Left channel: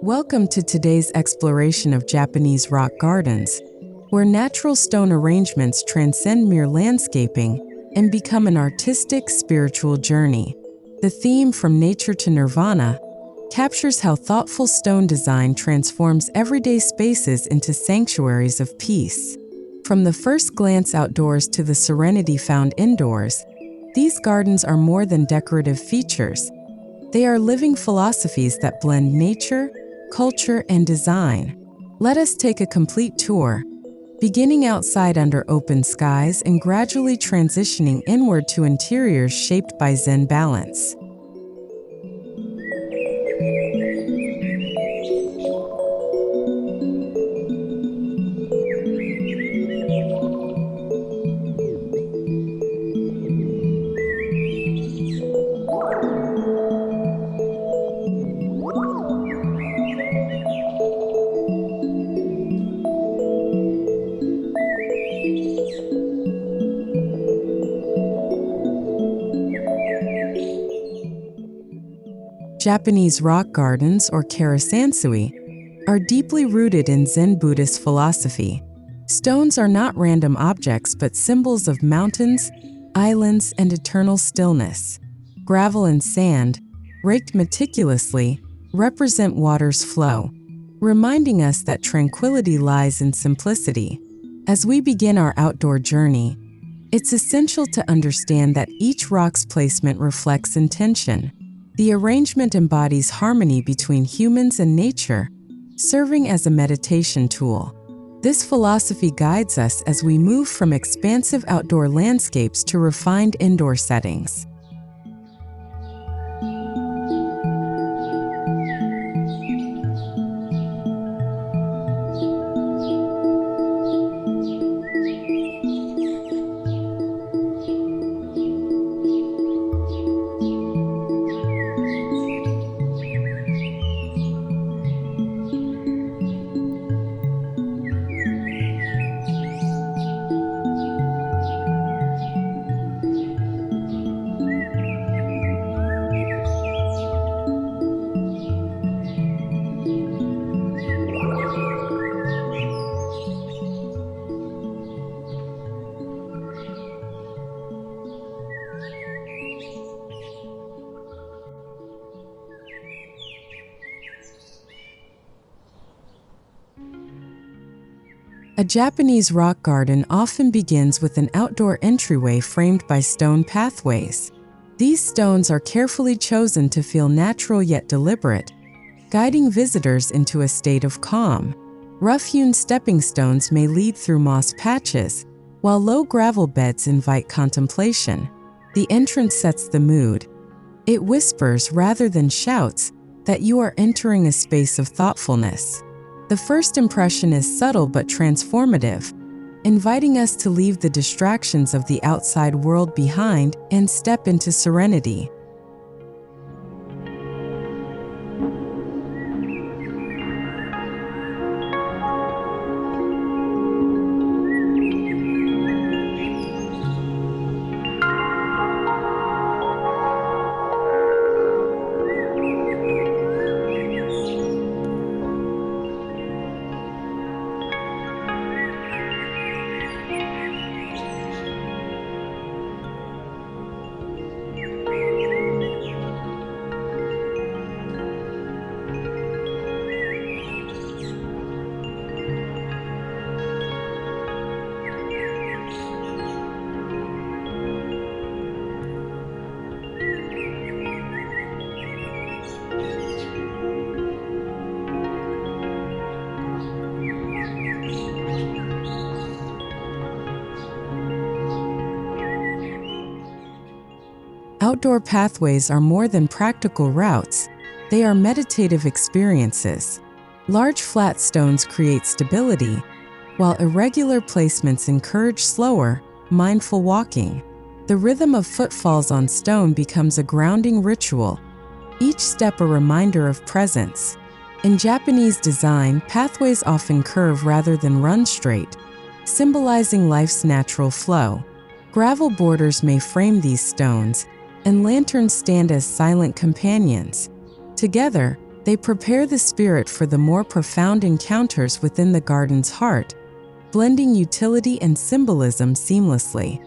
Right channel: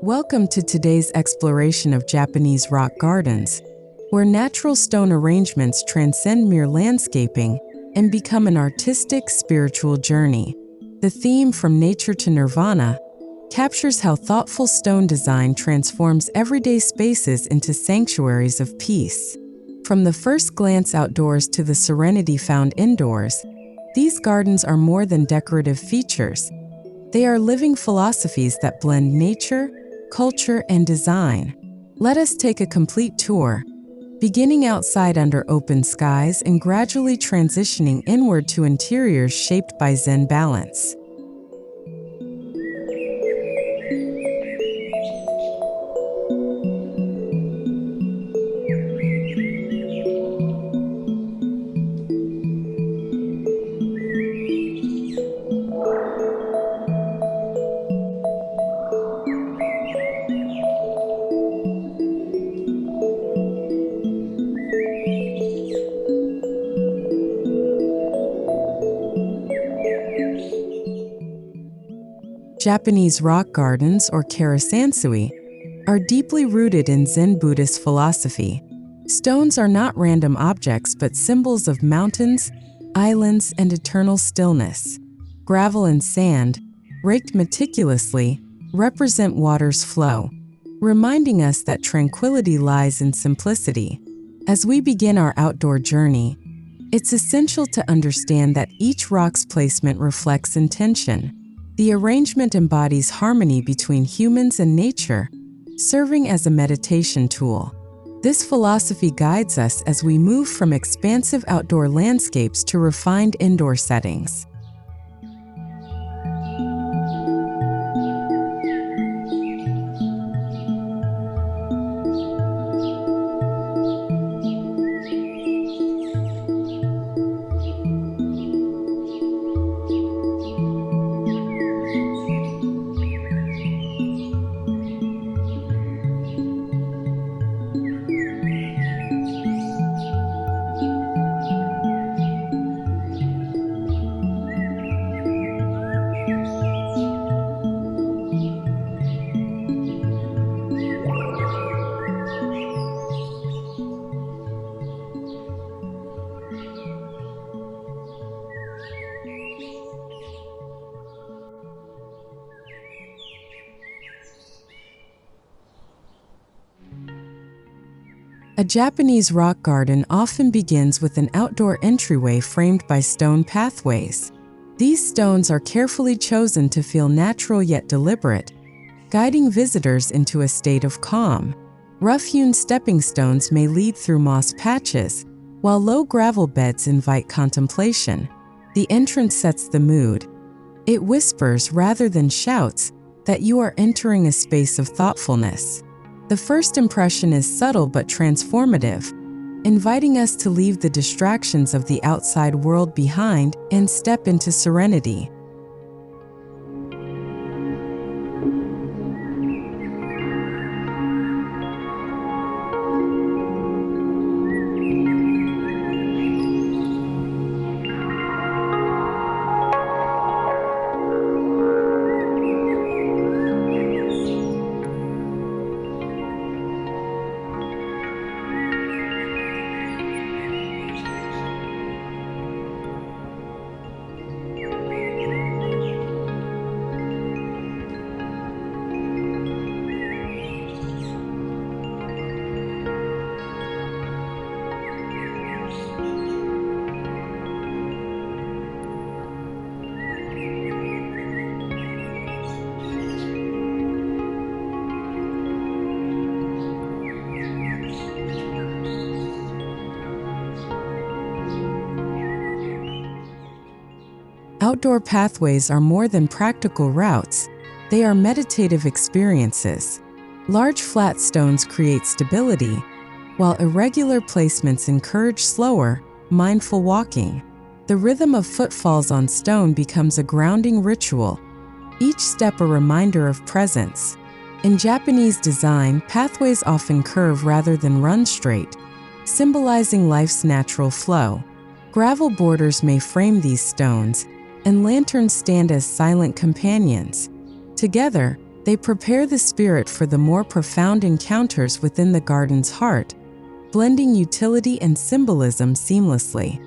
Welcome to today's exploration of Japanese rock gardens, where natural stone arrangements transcend mere landscaping and become an artistic, spiritual journey. The theme From Nature to Nirvana captures how thoughtful stone design transforms everyday spaces into sanctuaries of peace. From the first glance outdoors to the serenity found indoors, these gardens are more than decorative features. They are living philosophies that blend nature, culture, and design. Let us take a complete tour, beginning outside under open skies and gradually transitioning inward to interiors shaped by Zen balance. Japanese rock gardens, or karesansui, are deeply rooted in Zen Buddhist philosophy. Stones are not random objects but symbols of mountains, islands, and eternal stillness. Gravel and sand, raked meticulously, represent water's flow, reminding us that tranquility lies in simplicity. As we begin our outdoor journey, it's essential to understand that each rock's placement reflects intention. The arrangement embodies harmony between humans and nature, serving as a meditation tool. This philosophy guides us as we move from expansive outdoor landscapes to refined indoor settings. A Japanese rock garden often begins with an outdoor entryway framed by stone pathways. These stones are carefully chosen to feel natural yet deliberate, guiding visitors into a state of calm. Rough-hewn stepping stones may lead through moss patches, while low gravel beds invite contemplation. The entrance sets the mood. It whispers rather than shouts that you are entering a space of thoughtfulness. The first impression is subtle but transformative, inviting us to leave the distractions of the outside world behind and step into serenity. Outdoor pathways are more than practical routes, they are meditative experiences. Large flat stones create stability, while irregular placements encourage slower, mindful walking. The rhythm of footfalls on stone becomes a grounding ritual, each step a reminder of presence. In Japanese design, pathways often curve rather than run straight, symbolizing life's natural flow. Gravel borders may frame these stones, and lanterns stand as silent companions. Together, they prepare the spirit for the more profound encounters within the garden's heart, blending utility and symbolism seamlessly.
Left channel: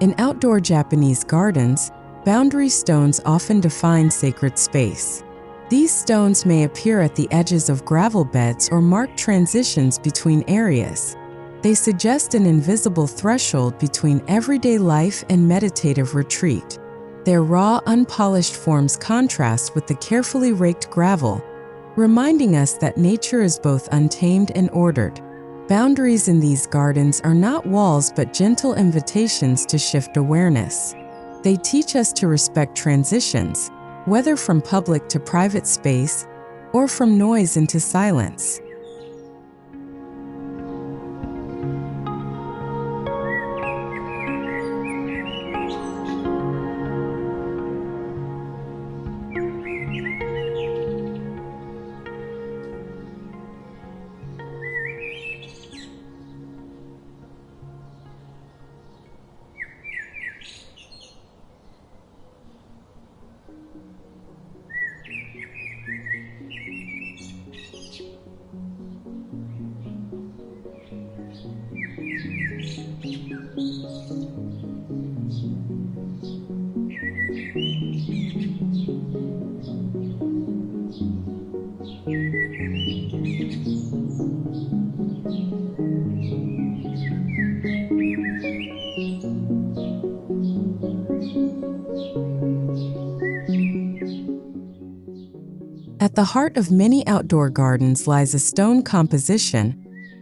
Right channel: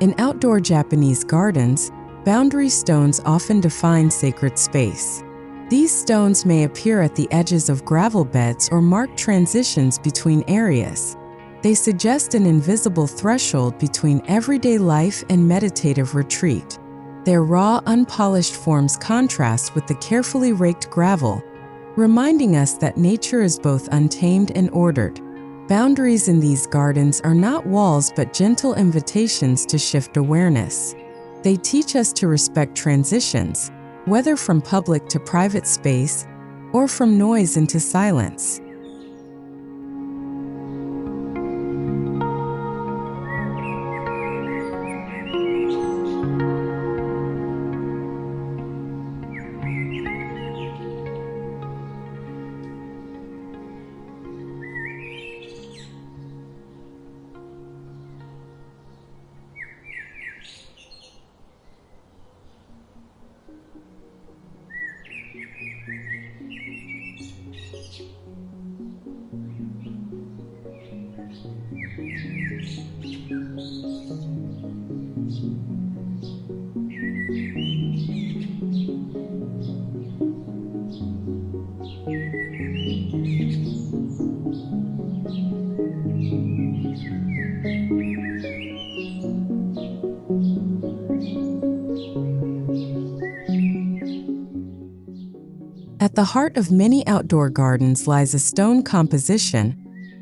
In outdoor Japanese gardens, boundary stones often define sacred space. These stones may appear at the edges of gravel beds or mark transitions between areas. They suggest an invisible threshold between everyday life and meditative retreat. Their raw, unpolished forms contrast with the carefully raked gravel, reminding us that nature is both untamed and ordered. Boundaries in these gardens are not walls but gentle invitations to shift awareness. They teach us to respect transitions, whether from public to private space or from noise into silence. At the heart of many outdoor gardens lies a stone composition,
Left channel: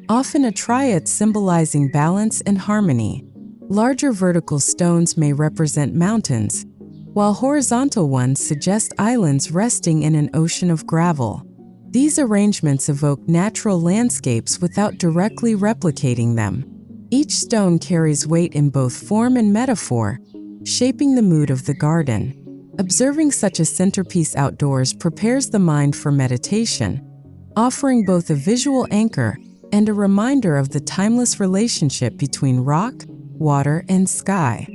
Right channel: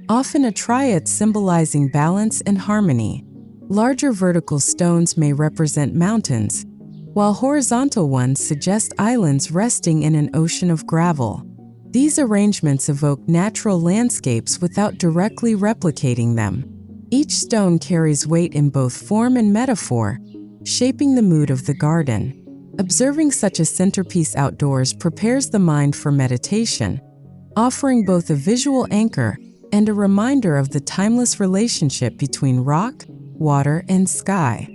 often a triad symbolizing balance and harmony. Larger vertical stones may represent mountains, while horizontal ones suggest islands resting in an ocean of gravel. These arrangements evoke natural landscapes without directly replicating them. Each stone carries weight in both form and metaphor, shaping the mood of the garden. Observing such a centerpiece outdoors prepares the mind for meditation, offering both a visual anchor and a reminder of the timeless relationship between rock, water, and sky.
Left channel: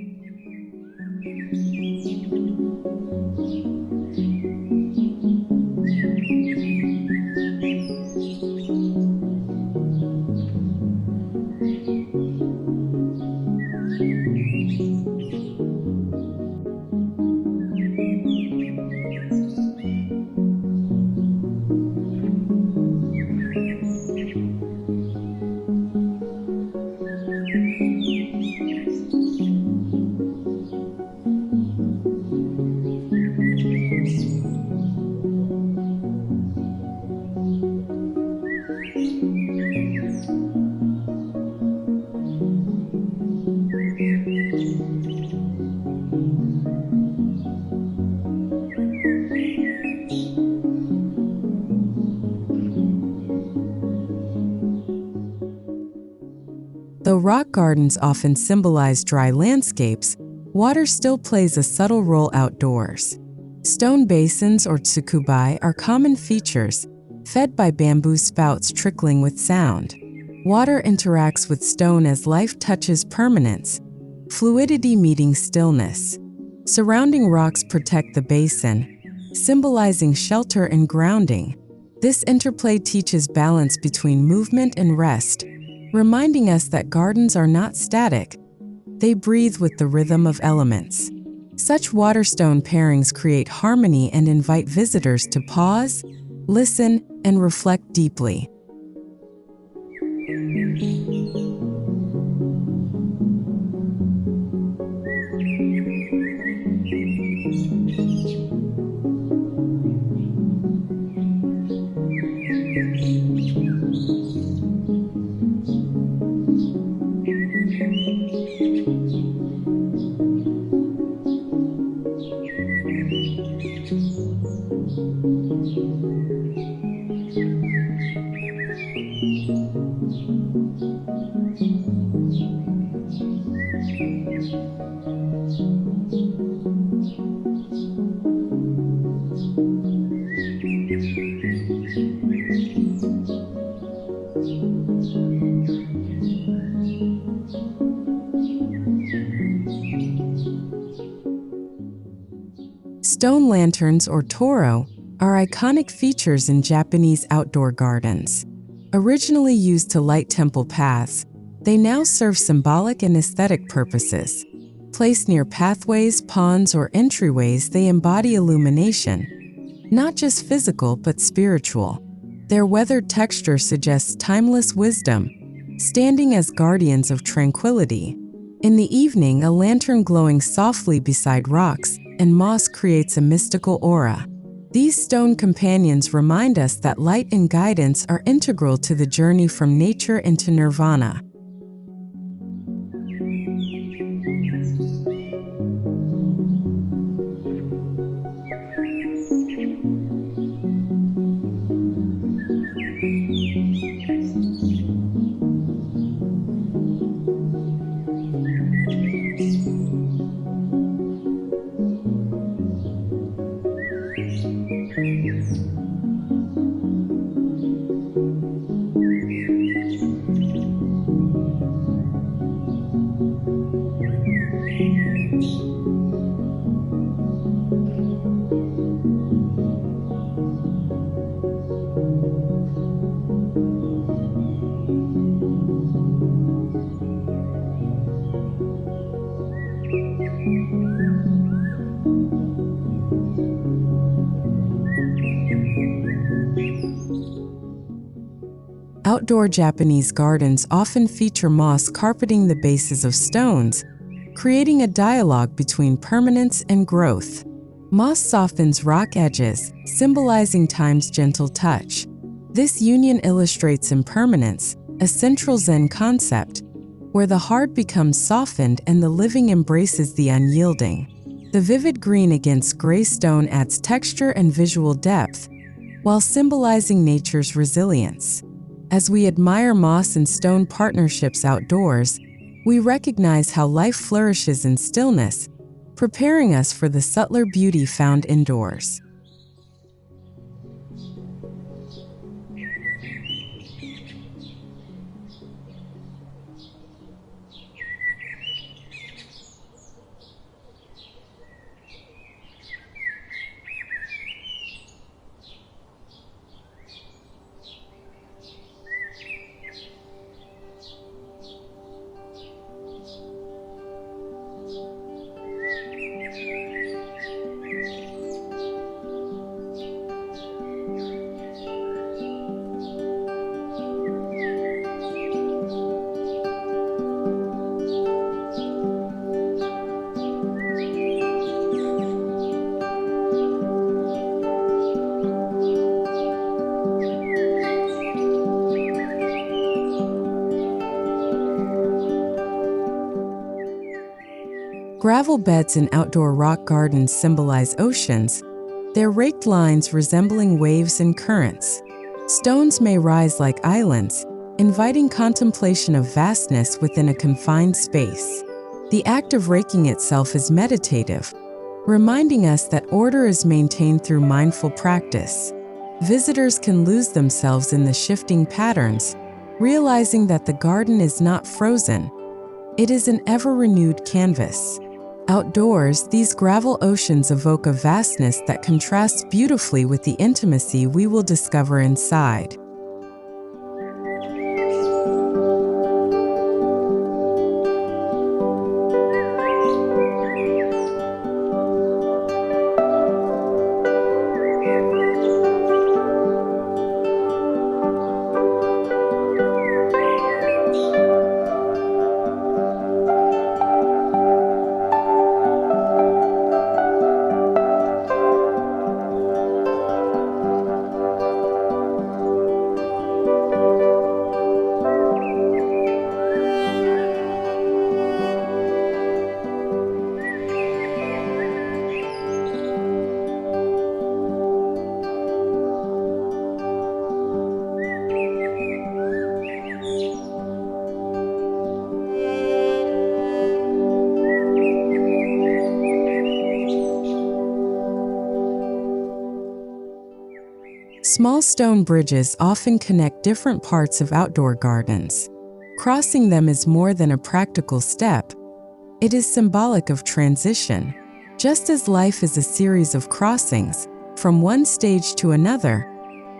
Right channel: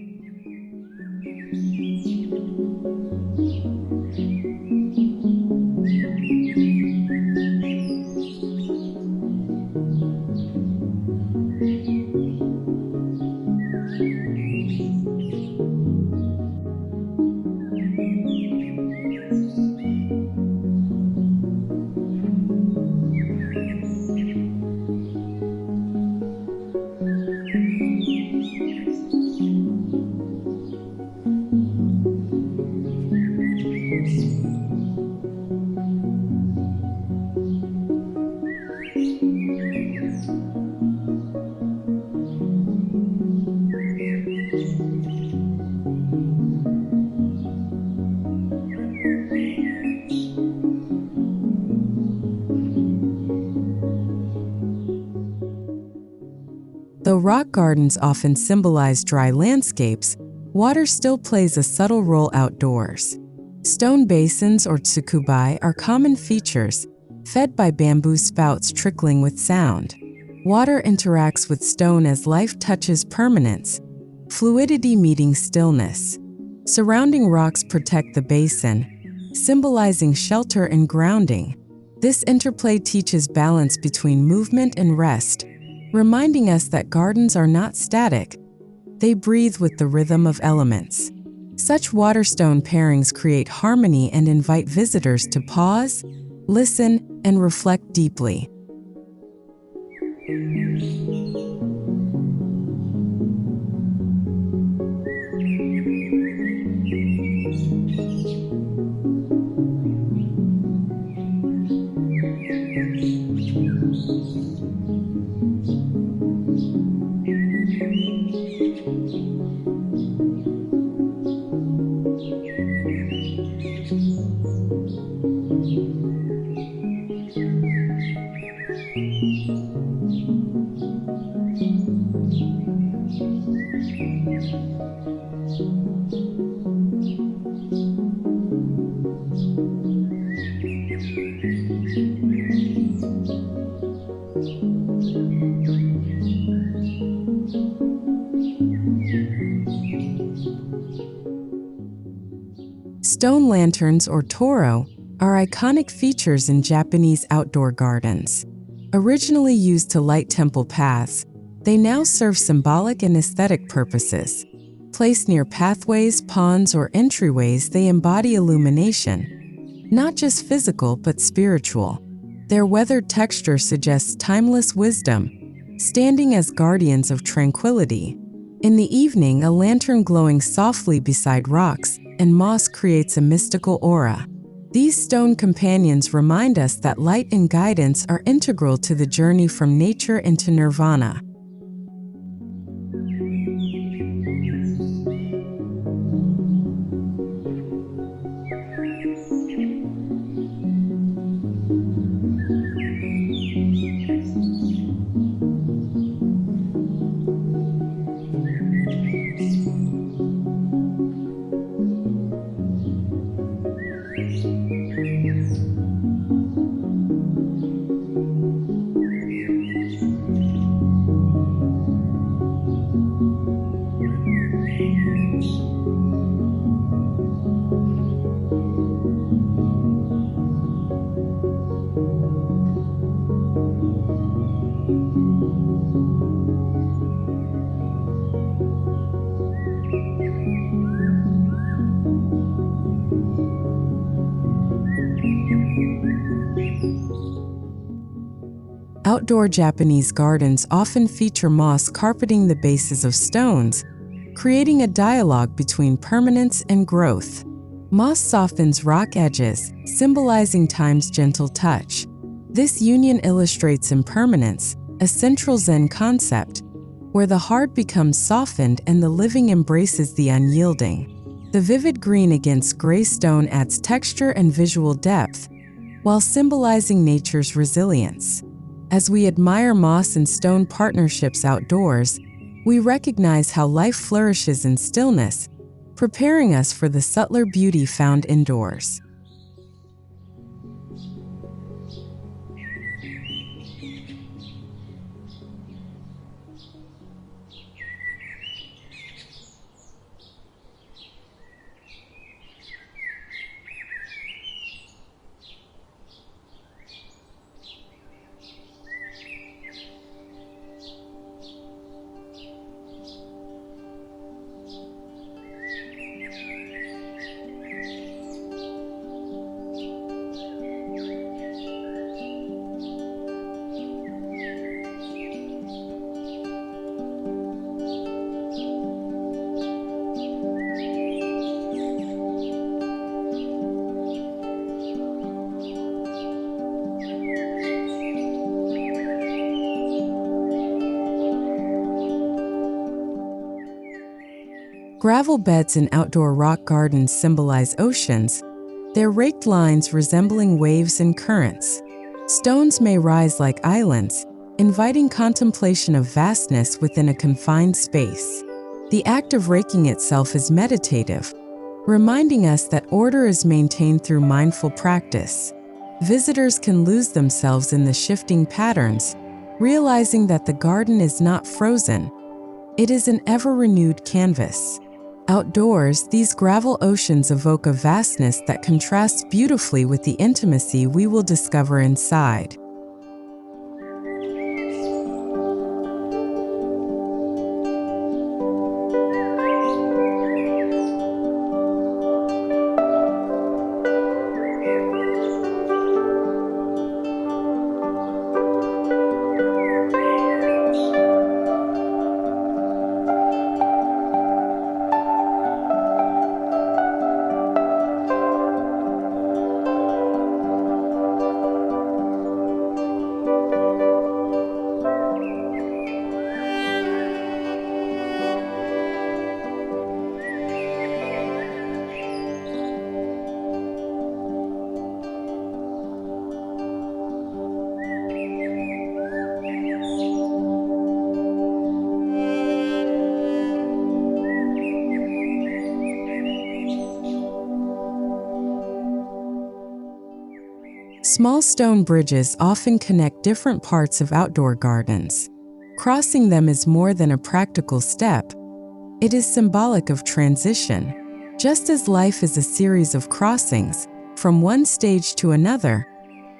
Though rock gardens often symbolize dry landscapes, water still plays a subtle role outdoors. Stone basins or tsukubai are common features, fed by bamboo spouts trickling with sound. Water interacts with stone as life touches permanence, fluidity meeting stillness. Surrounding rocks protect the basin, symbolizing shelter and grounding. This interplay teaches balance between movement and rest, reminding us that gardens are not static. They breathe with the rhythm of elements. Such waterstone pairings create harmony and invite visitors to pause, listen, and reflect deeply. Stone lanterns, or toro, are iconic features in Japanese outdoor gardens. Originally used to light temple paths, they now serve symbolic and aesthetic purposes. Placed near pathways, ponds, or entryways, they embody illumination, not just physical but spiritual. Their weathered texture suggests timeless wisdom, standing as guardians of tranquility. In the evening, a lantern glowing softly beside rocks and moss creates a mystical aura. These stone companions remind us that light and guidance are integral to the journey from nature into nirvana. Outdoor Japanese gardens often feature moss carpeting the bases of stones, creating a dialogue between permanence and growth. Moss softens rock edges, symbolizing time's gentle touch. This union illustrates impermanence, a central Zen concept, where the hard becomes softened and the living embraces the unyielding. The vivid green against gray stone adds texture and visual depth, while symbolizing nature's resilience. As we admire moss and stone partnerships outdoors, we recognize how life flourishes in stillness, preparing us for the subtler beauty found indoors. Gravel beds in outdoor rock gardens symbolize oceans, their raked lines resembling waves and currents. Stones may rise like islands, inviting contemplation of vastness within a confined space. The act of raking itself is meditative, reminding us that order is maintained through mindful practice. Visitors can lose themselves in the shifting patterns, realizing that the garden is not frozen. It is an ever-renewed canvas. Outdoors, these gravel oceans evoke a vastness that contrasts beautifully with the intimacy we will discover inside. Small stone bridges often connect different parts of outdoor gardens. Crossing them is more than a practical step. It is symbolic of transition. Just as life is a series of crossings, from one stage to another,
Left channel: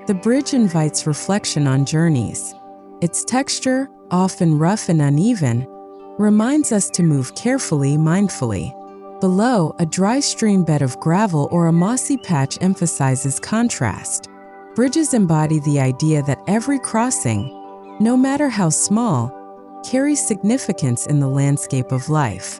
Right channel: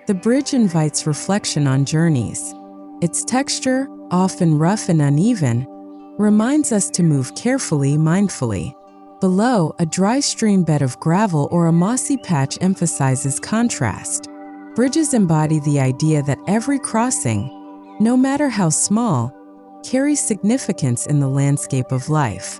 the bridge invites reflection on journeys. Its texture, often rough and uneven, reminds us to move carefully, mindfully. Below, a dry stream bed of gravel or a mossy patch emphasizes contrast. Bridges embody the idea that every crossing, no matter how small, carries significance in the landscape of life.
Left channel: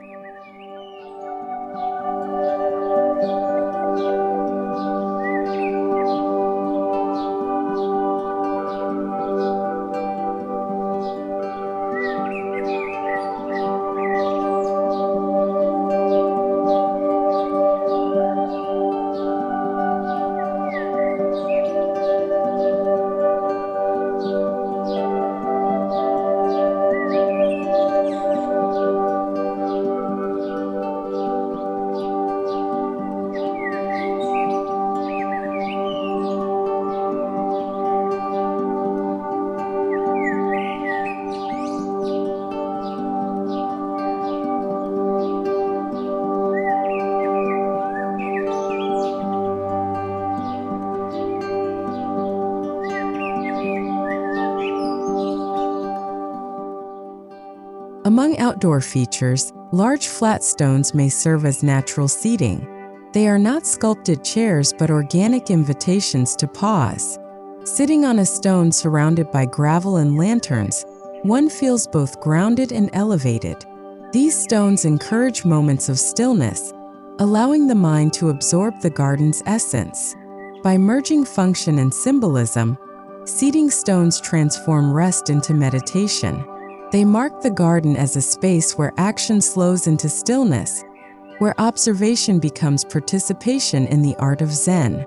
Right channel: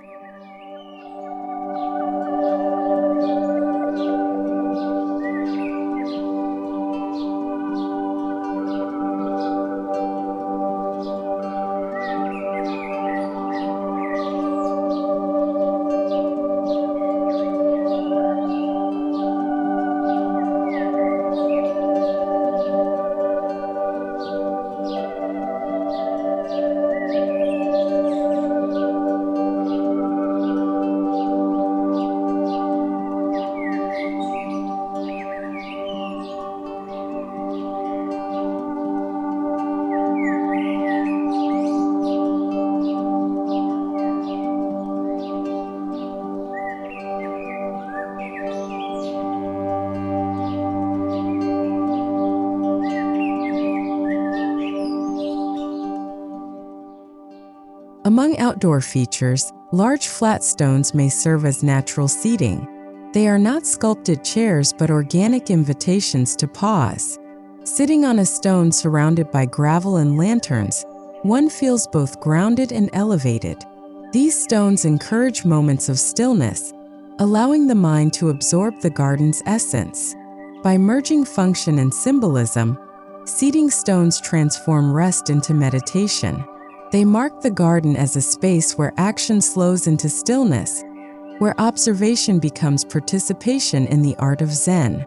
Among outdoor features, large flat stones may serve as natural seating. They are not sculpted chairs but organic invitations to pause. Sitting on a stone surrounded by gravel and lanterns, one feels both grounded and elevated. These stones encourage moments of stillness, allowing the mind to absorb the garden's essence. By merging function and symbolism, seating stones transform rest into meditation. They mark the garden as a space where action slows into stillness, where observation becomes participation in the art of Zen.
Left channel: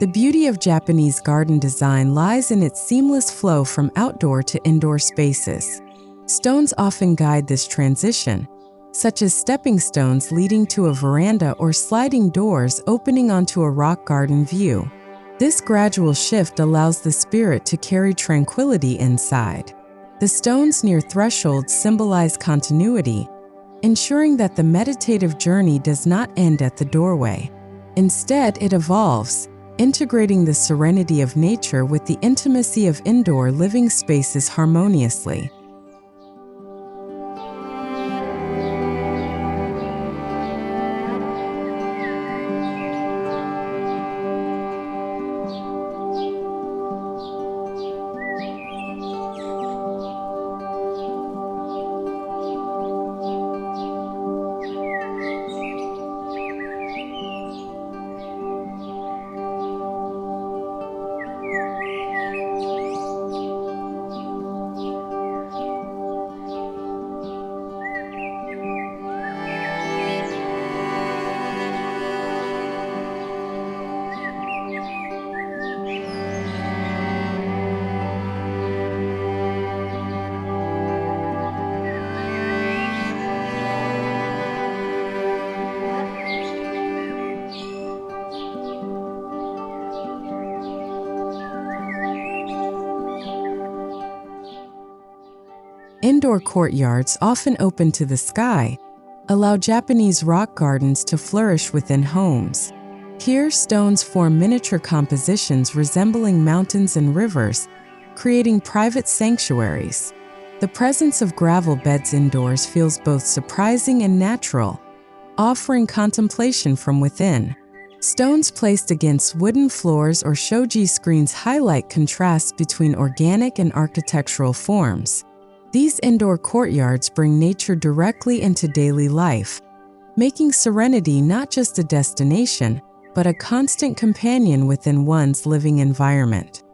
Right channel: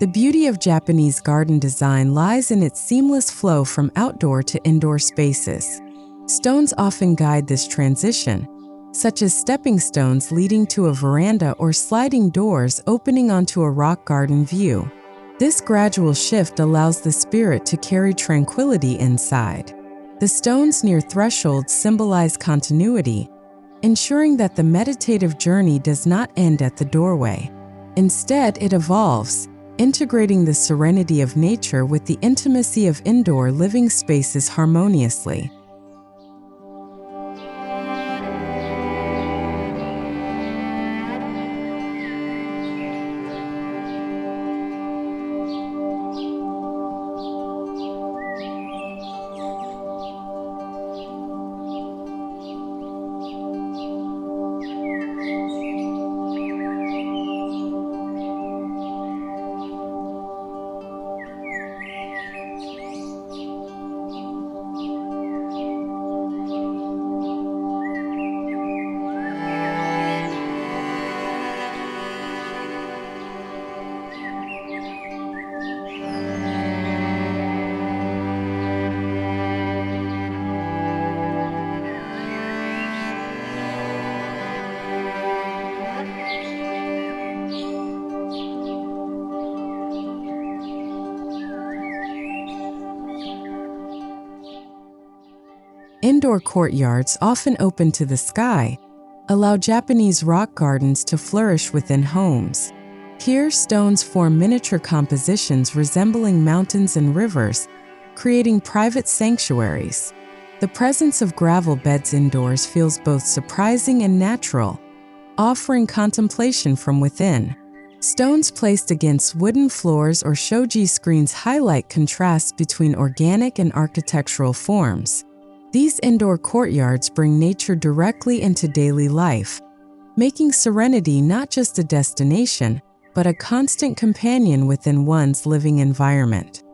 The beauty of Japanese garden design lies in its seamless flow from outdoor to indoor spaces. Stones often guide this transition, such as stepping stones leading to a veranda or sliding doors opening onto a rock garden view. This gradual shift allows the spirit to carry tranquility inside. The stones near thresholds symbolize continuity, ensuring that the meditative journey does not end at the doorway. Instead, it evolves, integrating the serenity of nature with the intimacy of indoor living spaces harmoniously. Indoor courtyards, often open to the sky, allow Japanese rock gardens to flourish within homes. Here, stones form miniature compositions resembling mountains and rivers, creating private sanctuaries. The presence of gravel beds indoors feels both surprising and natural, offering contemplation from within. Stones placed against wooden floors or shoji screens highlight contrasts between organic and architectural forms. These indoor courtyards bring nature directly into daily life, making Serenity not just a destination, but a constant companion within one's living environment.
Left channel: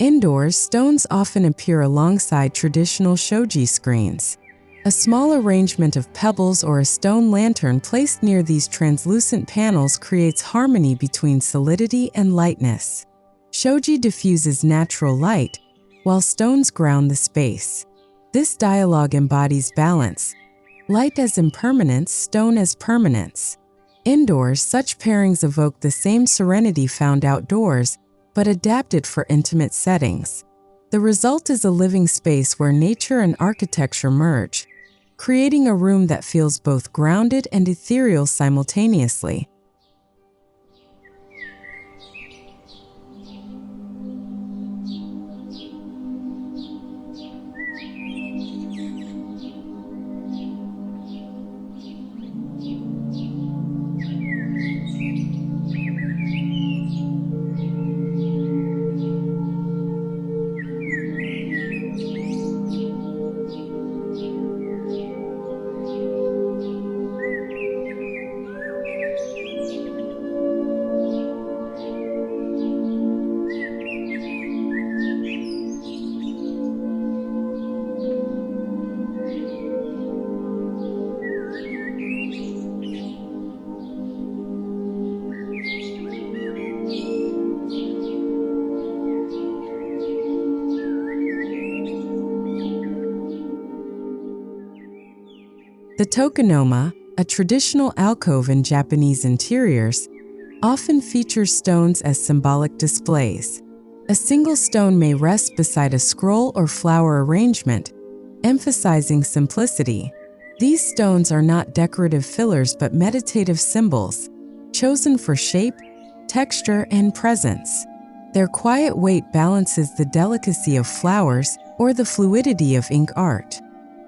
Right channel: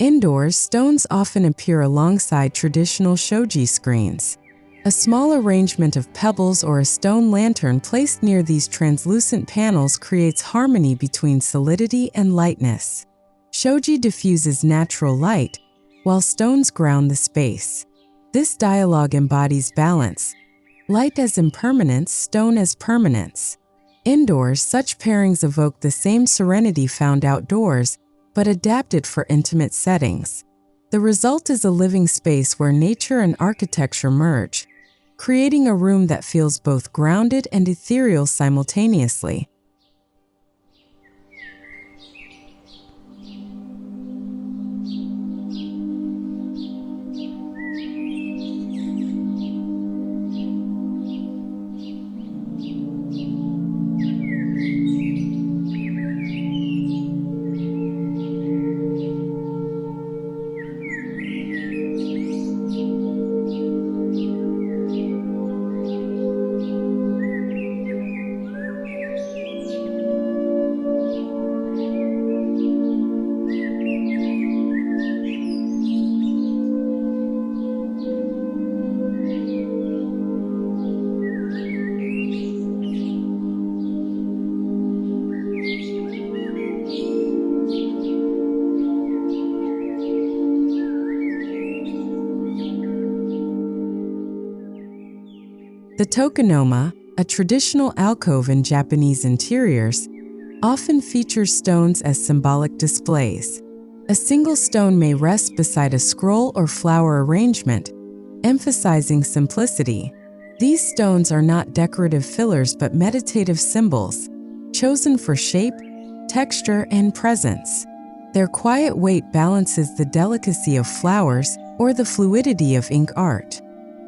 Indoors, stones often appear alongside traditional shoji screens. A small arrangement of pebbles or a stone lantern placed near these translucent panels creates harmony between solidity and lightness. Shoji diffuses natural light, while stones ground the space. This dialogue embodies balance: light as impermanence, stone as permanence. Indoors, such pairings evoke the same serenity found outdoors, but adapted for intimate settings. The result is a living space where nature and architecture merge, creating a room that feels both grounded and ethereal simultaneously. The Tokonoma, a traditional alcove in Japanese interiors, often features stones as symbolic displays. A single stone may rest beside a scroll or flower arrangement, emphasizing simplicity. These stones are not decorative fillers but meditative symbols, chosen for shape, texture, and presence. Their quiet weight balances the delicacy of flowers or the fluidity of ink art.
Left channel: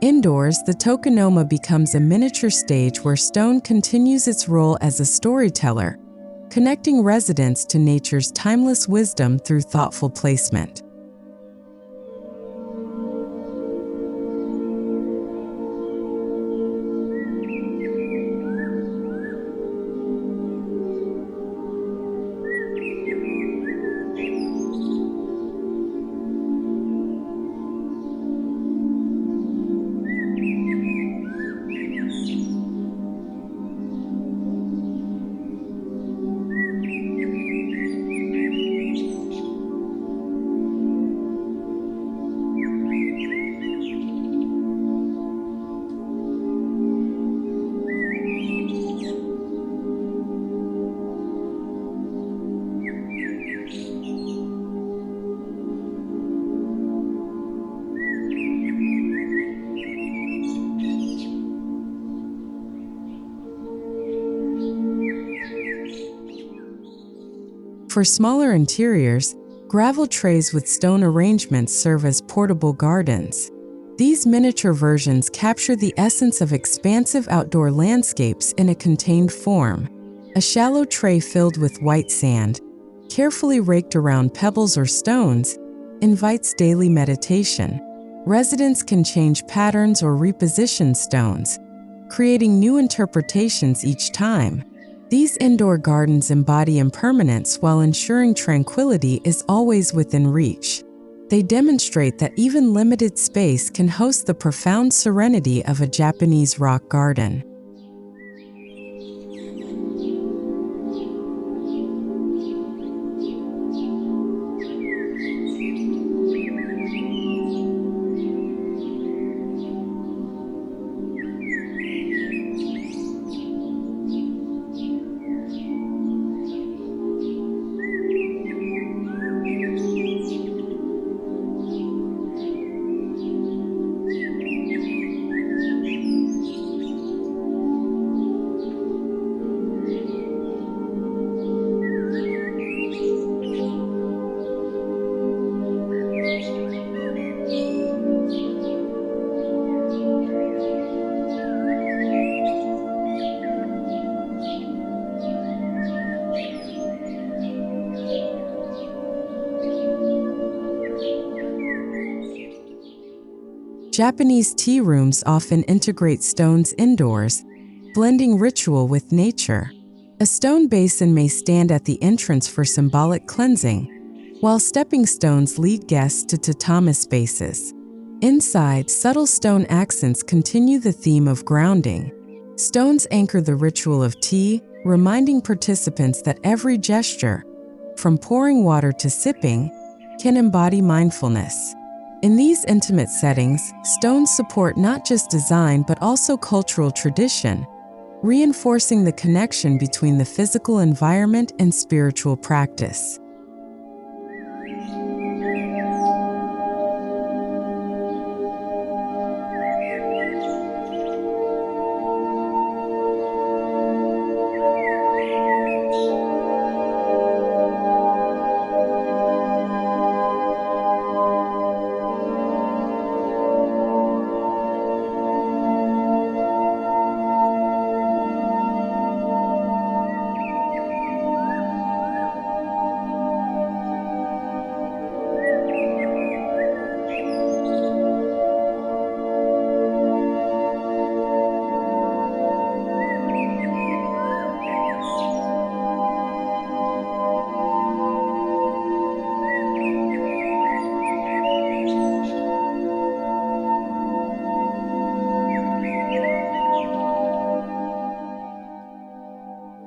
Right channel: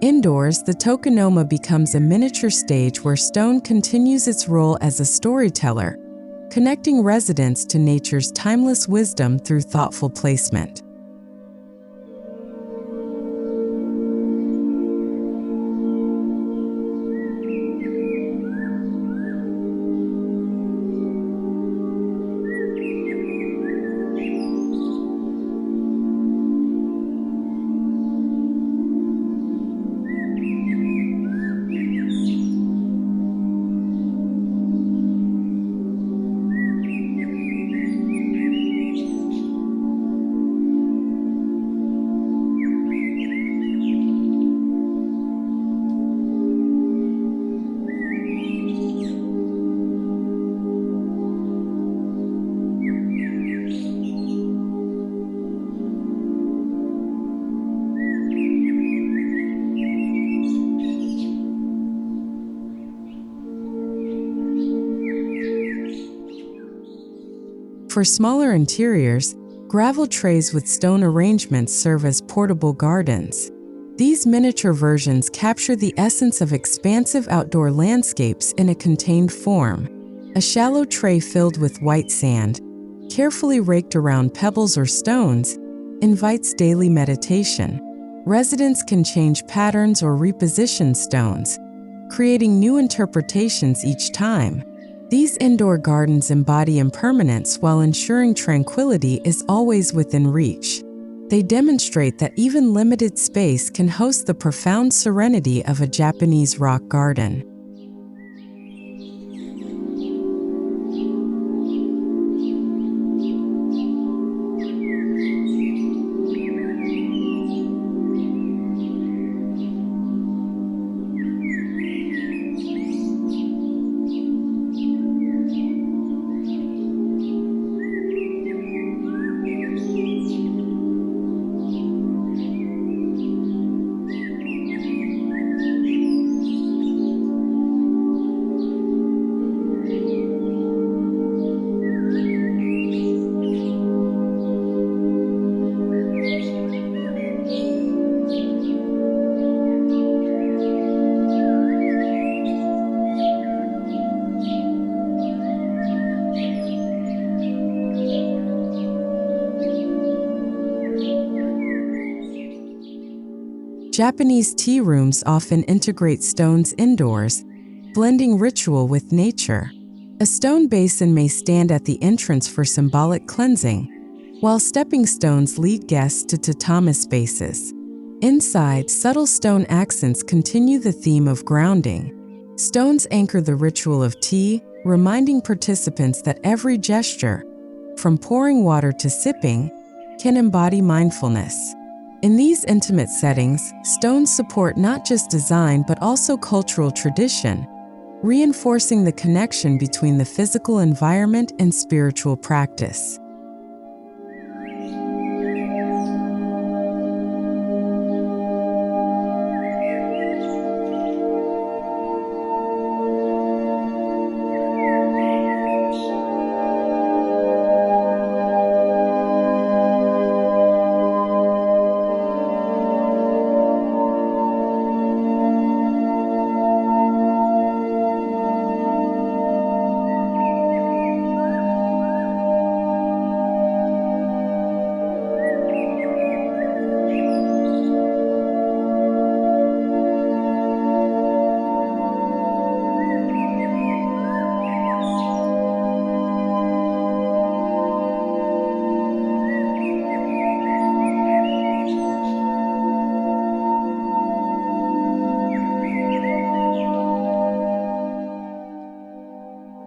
Indoors, the Tokonoma becomes a miniature stage where stone continues its role as a storyteller, connecting residents to nature's timeless wisdom through thoughtful placement. For smaller interiors, gravel trays with stone arrangements serve as portable gardens. These miniature versions capture the essence of expansive outdoor landscapes in a contained form. A shallow tray filled with white sand, carefully raked around pebbles or stones, invites daily meditation. Residents can change patterns or reposition stones, creating new interpretations each time. These indoor gardens embody impermanence while ensuring tranquility is always within reach. They demonstrate that even limited space can host the profound serenity of a Japanese rock garden. Japanese tea rooms often integrate stones indoors, blending ritual with nature. A stone basin may stand at the entrance for symbolic cleansing, while stepping stones lead guests to tatami spaces. Inside, subtle stone accents continue the theme of grounding. Stones anchor the ritual of tea, reminding participants that every gesture, from pouring water to sipping, can embody mindfulness. In these intimate settings, stones support not just design but also cultural tradition, reinforcing the connection between the physical environment and spiritual practice.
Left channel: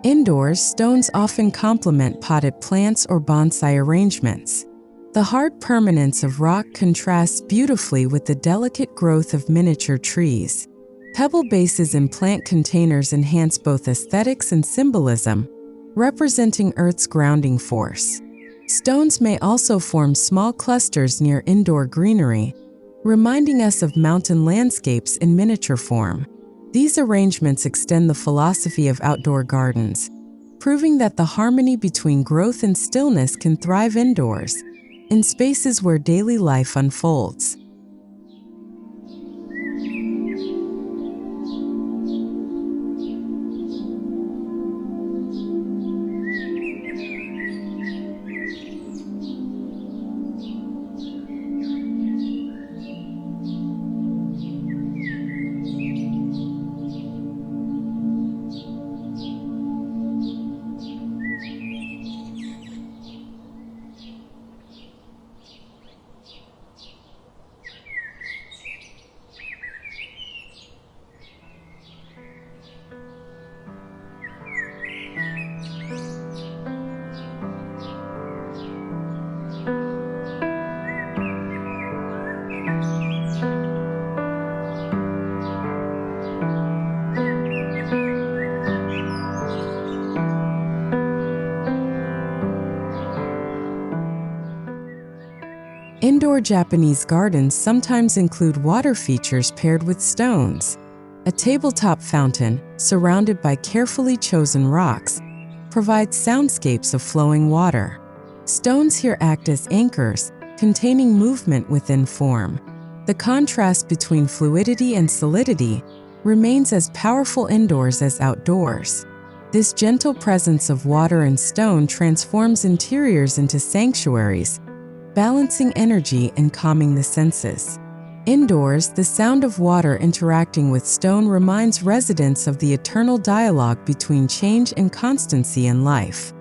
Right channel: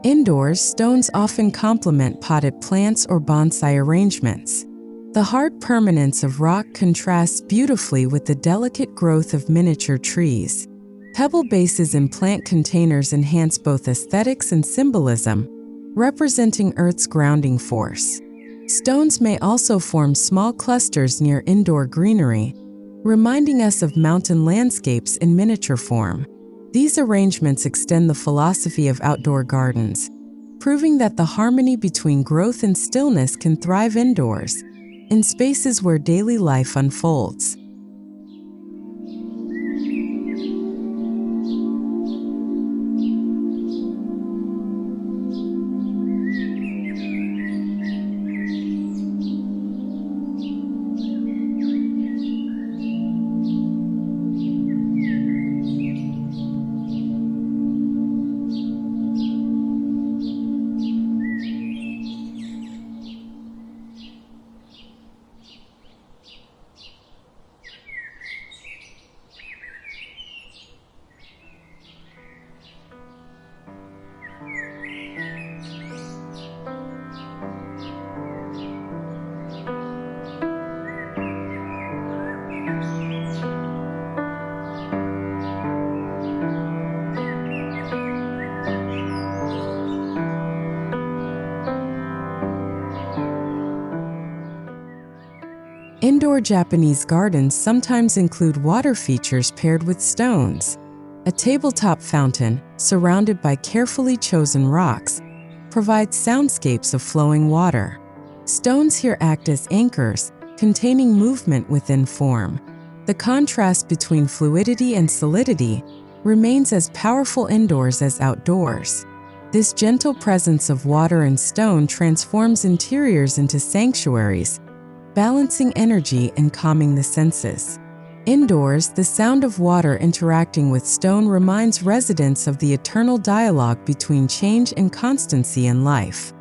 Indoors, stones often complement potted plants or bonsai arrangements. The hard permanence of rock contrasts beautifully with the delicate growth of miniature trees. Pebble bases in plant containers enhance both aesthetics and symbolism, representing Earth's grounding force. Stones may also form small clusters near indoor greenery, reminding us of mountain landscapes in miniature form. These arrangements extend the philosophy of outdoor gardens, proving that the harmony between growth and stillness can thrive indoors, in spaces where daily life unfolds. Indoor Japanese gardens sometimes include water features paired with stones. A tabletop fountain, surrounded by carefully chosen rocks, provides soundscapes of flowing water. Stones here act as anchors, containing movement within form. The contrast between fluidity and solidity remains as powerful indoors as outdoors. This gentle presence of water and stone transforms interiors into sanctuaries, balancing energy and calming the senses. Indoors, the sound of water interacting with stone reminds residents of the eternal dialogue between change and constancy in life.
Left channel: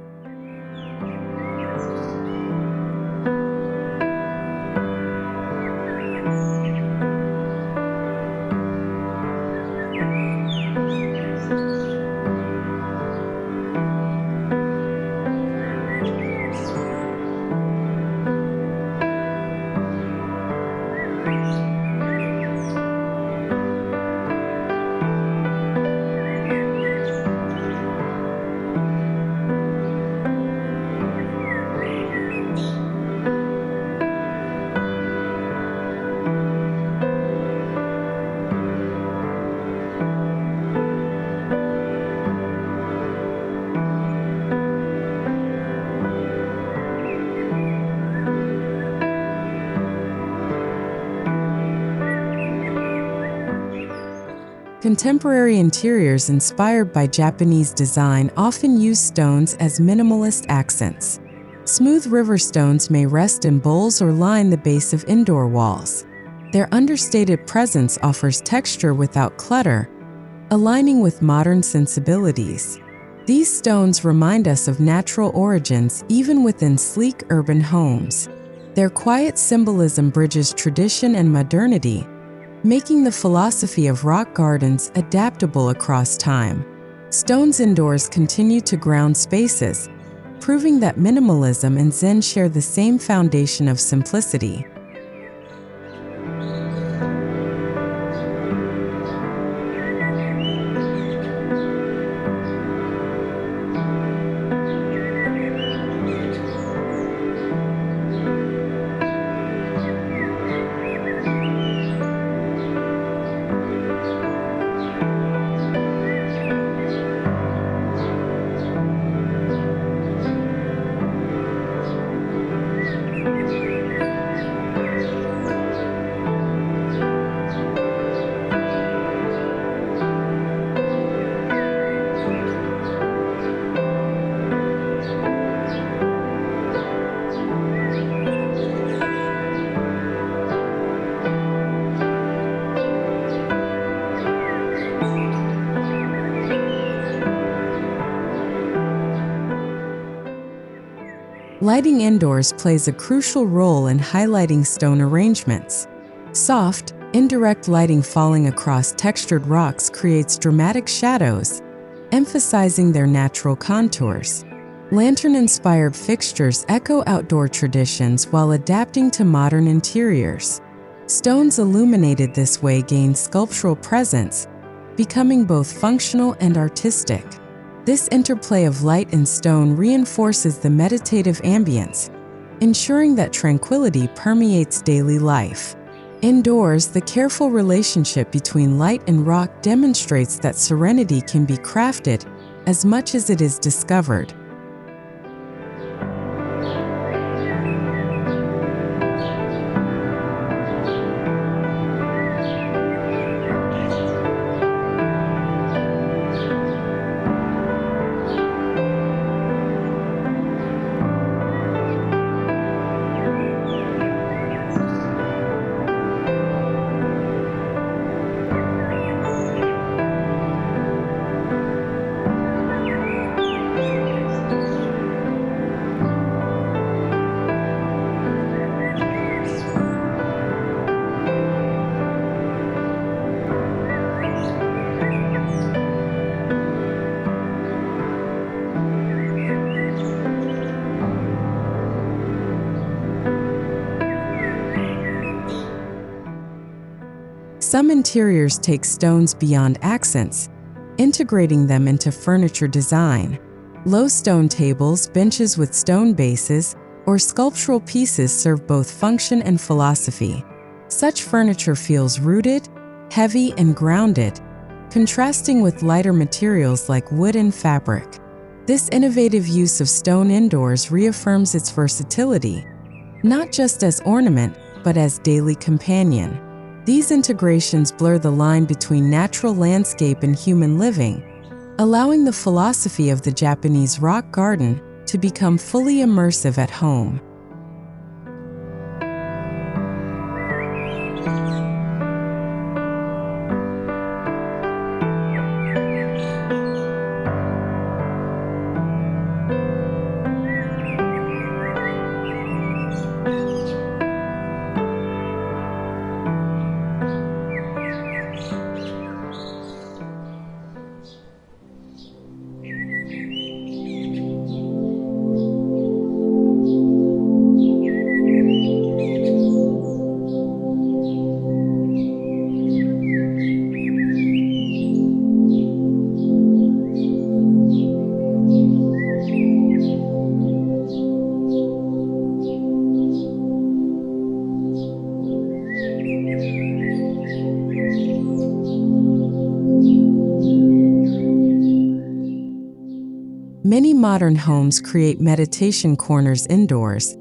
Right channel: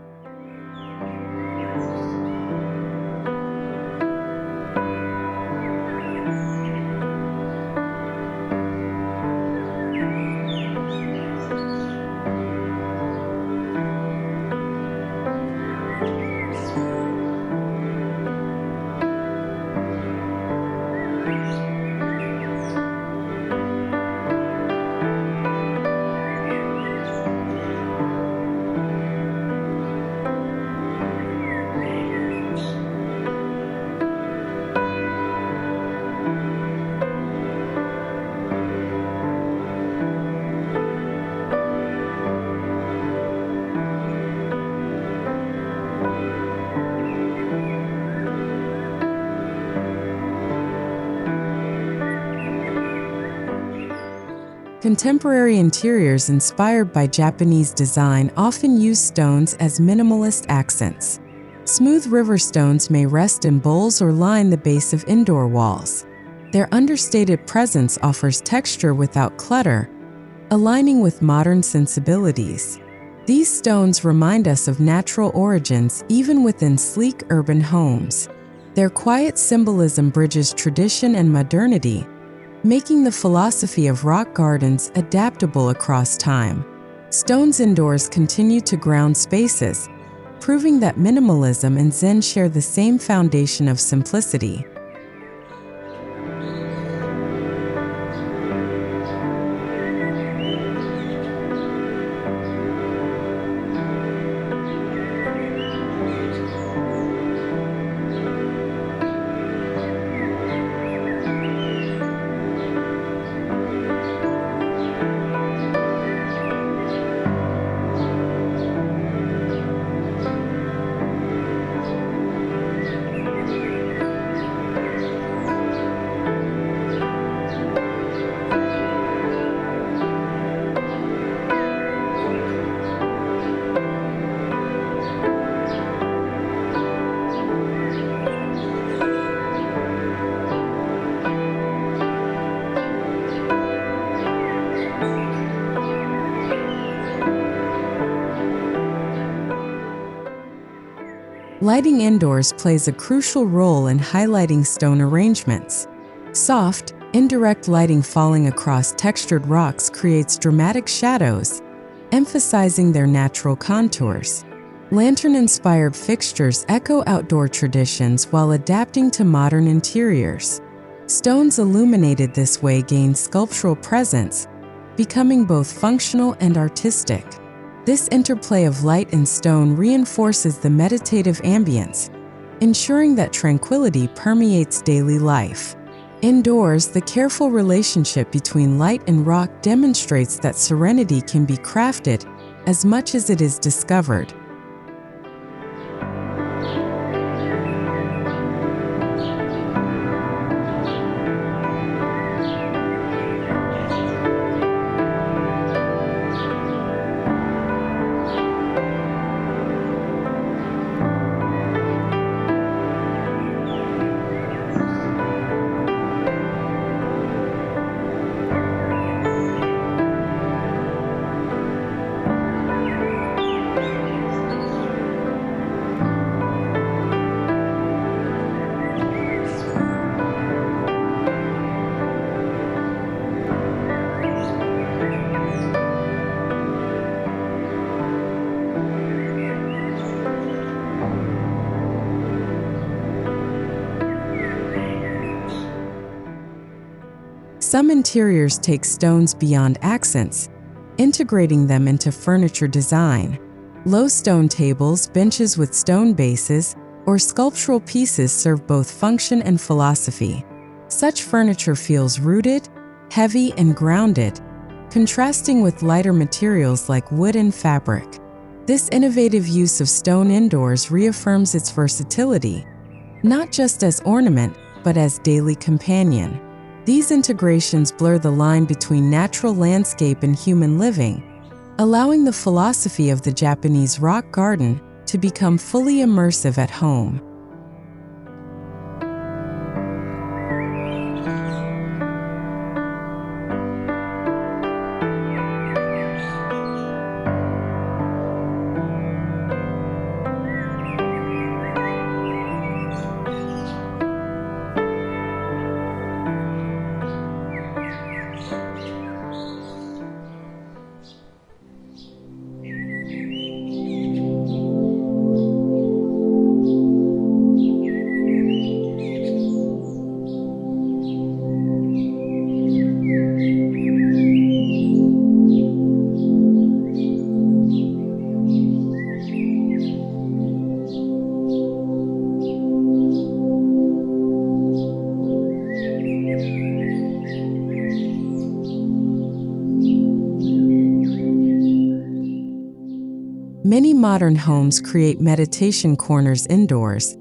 Contemporary interiors inspired by Japanese design often use stones as minimalist accents. Smooth river stones may rest in bowls or line the base of indoor walls. Their understated presence offers texture without clutter, aligning with modern sensibilities. These stones remind us of natural origins even within sleek urban homes. Their quiet symbolism bridges tradition and modernity, making the philosophy of rock gardens adaptable across time. Stones indoors continue to ground spaces, proving that minimalism and Zen share the same foundation of simplicity. Lighting indoors plays a crucial role in highlighting stone arrangements. Soft, indirect lighting falling across textured rocks creates dramatic shadows, emphasizing their natural contours. Lantern-inspired fixtures echo outdoor traditions while adapting to modern interiors. Stones illuminated this way gain sculptural presence, becoming both functional and artistic. This interplay of light and stone reinforces the meditative ambience, ensuring that tranquility permeates daily life. Indoors, the careful relationship between light and rock demonstrates that serenity can be crafted as much as it is discovered. Some interiors take stones beyond accents, integrating them into furniture design. Low stone tables, benches with stone bases, or sculptural pieces serve both function and philosophy. Such furniture feels rooted, heavy, and grounded, contrasting with lighter materials like wood and fabric. This innovative use of stone indoors reaffirms its versatility, not just as ornament, but as daily companion. These integrations blur the line between natural landscape and human living, allowing the philosophy of the Japanese rock garden to become fully immersive at home. Many modern homes create meditation corners indoors,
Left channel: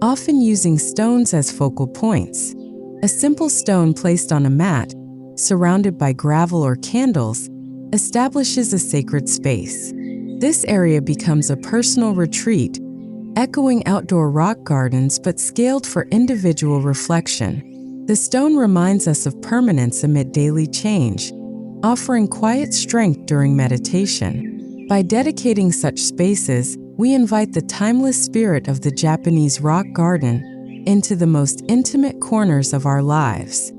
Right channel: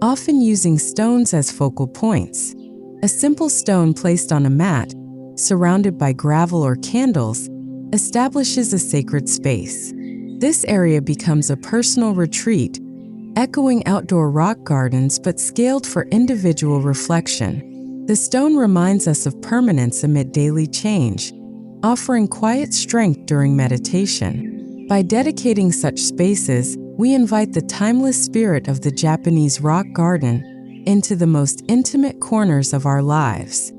often using stones as focal points. A simple stone placed on a mat, surrounded by gravel or candles, establishes a sacred space. This area becomes a personal retreat, echoing outdoor rock gardens but scaled for individual reflection. The stone reminds us of permanence amid daily change, offering quiet strength during meditation. By dedicating such spaces, we invite the timeless spirit of the Japanese rock garden into the most intimate corners of our lives.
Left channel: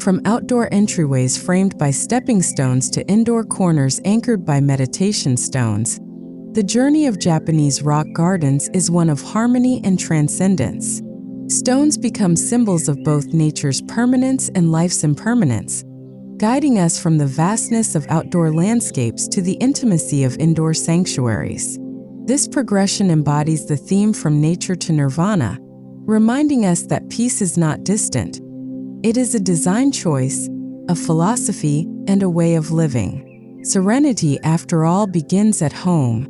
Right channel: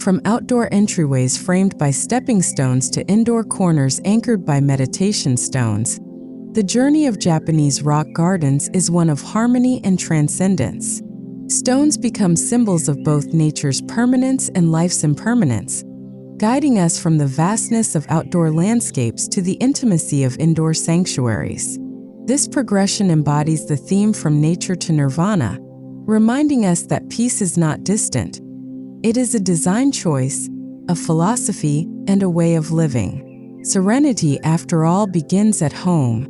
From outdoor entryways framed by stepping stones to indoor corners anchored by meditation stones, the journey of Japanese rock gardens is one of harmony and transcendence. Stones become symbols of both nature's permanence and life's impermanence, guiding us from the vastness of outdoor landscapes to the intimacy of indoor sanctuaries. This progression embodies the theme from nature to nirvana, reminding us that peace is not distant. It is a design choice, a philosophy, and a way of living. Serenity, after all, begins at home.